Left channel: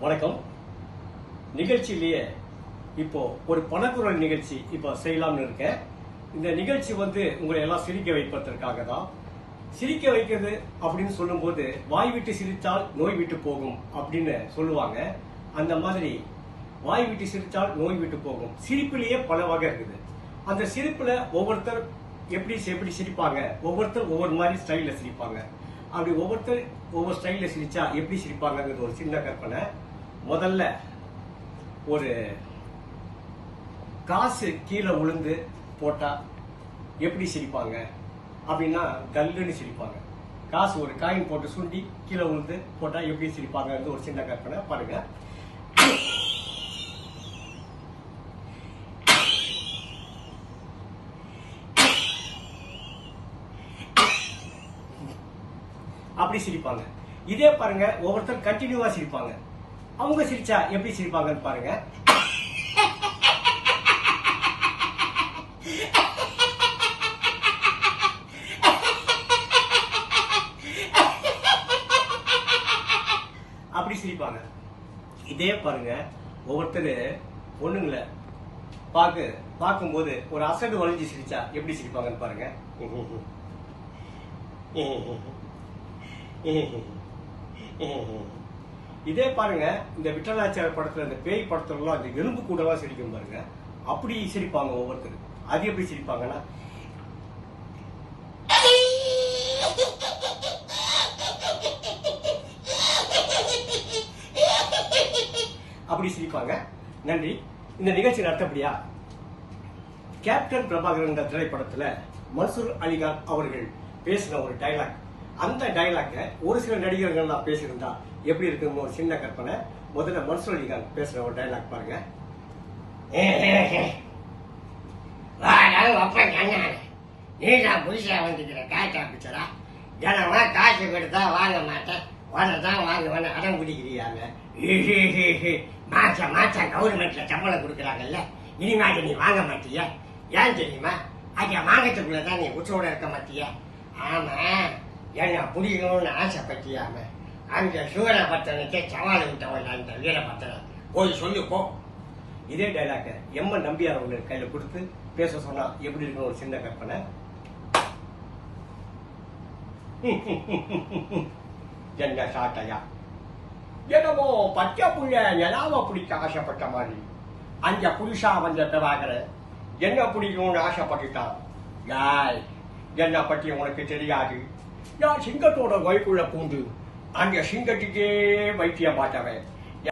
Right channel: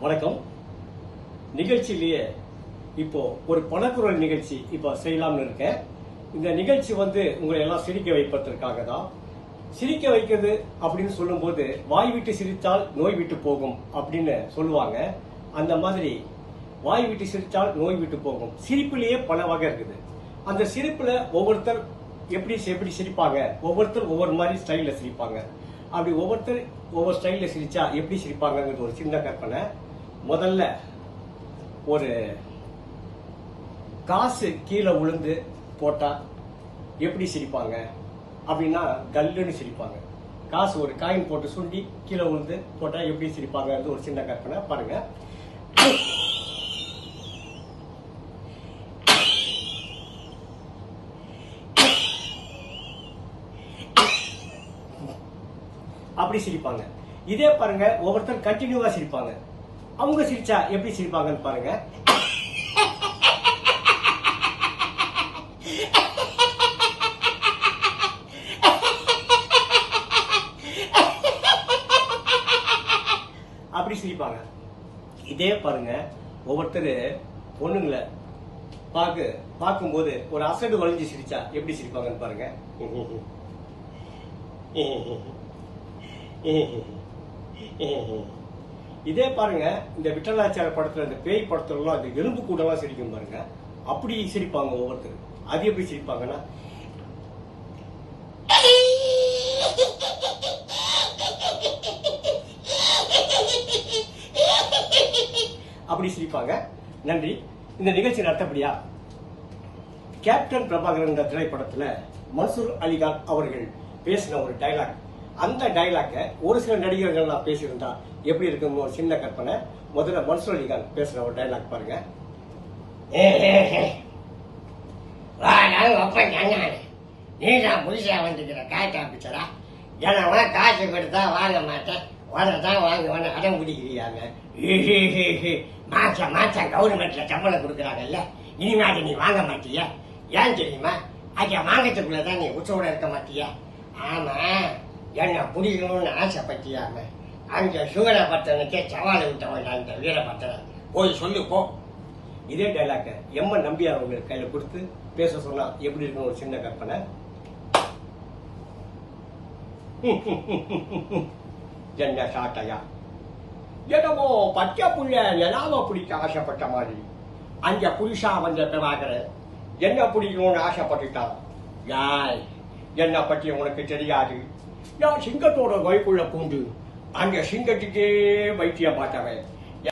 வணக்கம். நிகழ்ச்சியிலேயே இப்போ ஒரு பணக்குரல் நிகழ்ச்சி இப்போ செய்யலாம்னு இருக்கேன். இந்த நிகழ்ச்சி உங்களை எல்லாம் சிரிக்க வைப்பதற்காக தான். சிரிக்க வைக்கிறது அப்படின்னு சொல்லும்போது வாய் விட்டு சிரித்தால் நோய் விட்டு போகும் அப்படின்னு சொல்லுவாங்க. அந்த மாதிரி வாய் விட்டு சிரித்தால் நோய் விட்டு போகும். சிரிப்பிலேயே பல வகை இருக்குது. அந்த சிரிப்புல ஒவ்வொருத்தர் எப்படி சிரிப்பாங்க, ஒவ்வொருத்தர் ஒவ்வொரு மாதிரி ஸ்டைல்ல சிரிப்பாங்க. அப்படி ஒவ்வொருத்தர் ஒவ்வொரு ஸ்டைல்ல சிரிச்சா எப்படி சிரிப்பாங்கிறது ஒரு சின்ன கற்பனை. முதல்ல ஒரு காசு கீழே விழுந்து போட்டா எப்படி சிரிப்பாங்க அப்படின்னா கல்லுன்னு சிரிப்பாங்க. காசு ஒரு காயின் போட்டு சுண்டி கீழே விழுந்து போட்டா எப்படி சிரிப்பாங்க ஒரு சின்ன கற்பனை பாருங்க. அப்படி சிரிப்பாங்க. இதே பாருங்க, ஒவ்வொருத்தர் கண்டினியூவா சிரிப்பாங்க. அவங்க சிரிச்சா எப்படி சிரிப்பாங்கன்னு பாருங்க. அப்படி சிரிப்பாங்க. இதே பாருங்க, ஒவ்வொருத்தர் பொண்ணுங்களை பார்க்கும்போது ஒரு அசடு வளைஞ்சு சிரிச்சா எப்படி சிரிப்பாங்கன்னு பாருங்க. இதே பாருங்க, இந்த விட்டலாச்சார படத்துல இந்த பேய் படத்துல அந்த எலும்பு கூடவா சிரிக்கும் பாருங்க. அப்படி சிரிப்பாங்க ஒவ்வொருத்தர். அது எப்படி சிரிப்பாங்கன்னா அப்படி சிரிப்பாங்க. நன்றி. இந்த நிகழ்ச்சி நடத்தப்படியா கேப்டன் பிரபாகரன் திரைப்படத்துல மன்சூர் அலிகான் அவர்கள் பேசின ஒரு டைலாக். அந்த டைலாக்க ஒரு சில நடிகர்கள் நான் பேசியிருந்தா எப்படி இருக்குன்னு ஒரு சின்ன கற்பனை. முதல்ல மன்சூர் அலிகான் பேசுற ஒரு டைலாக் பாருங்க. நீதான் புதுசா வந்துக்கிற காய்ச்சா பிச்சடா, ஏன்னா காசு கொடுத்தா வாங்க மாட்டேன், வரதான் வாங்க அடம் பிடிக்கிறியாங்க. மாசம் கவர்மெண்ட்ல சம்பளம் கொடுக்குறாங்கல்ல, இனிமே நீ வாங்க மாட்டிய. ஏன் தெரியுமா? அங்க வாங்கறதுக்குள்ளதான் நீ உச்சோட இருக்க மாட்டிய. ஆமா, என்ன புடிக்கணும்னு ஆசைப்பட்டியாம அங்க சூரபட்டனுக்கே சவாலை விட்டவன் அந்த வீரபட்டன போய் சொல்லு போ. இதே டைலாக்க எம்ம நம்பியார் அவங்க கையில கொடுத்து பேச சொன்னா எப்படி இருக்குன்னு ஒரு சின்ன கற்பனை. என்ன சாட்டையா, என்னமோ பச்சை புள்ள நிலாம பிடிக்க ஆசைப்பட்ட மாதிரி அங்க புதுசா வந்த பிரபாகர என்ன பிடிக்கும்னு ஆசைப்பட்டுட்டான். யாய், என்ன பற்றி உனக்கு தெரியாது. நான் சிங்கத்தோட வயிற்குள்ள பூண்டு அந்த சிங்கத்துக்கே வைத்தியம் பார்த்தவன்.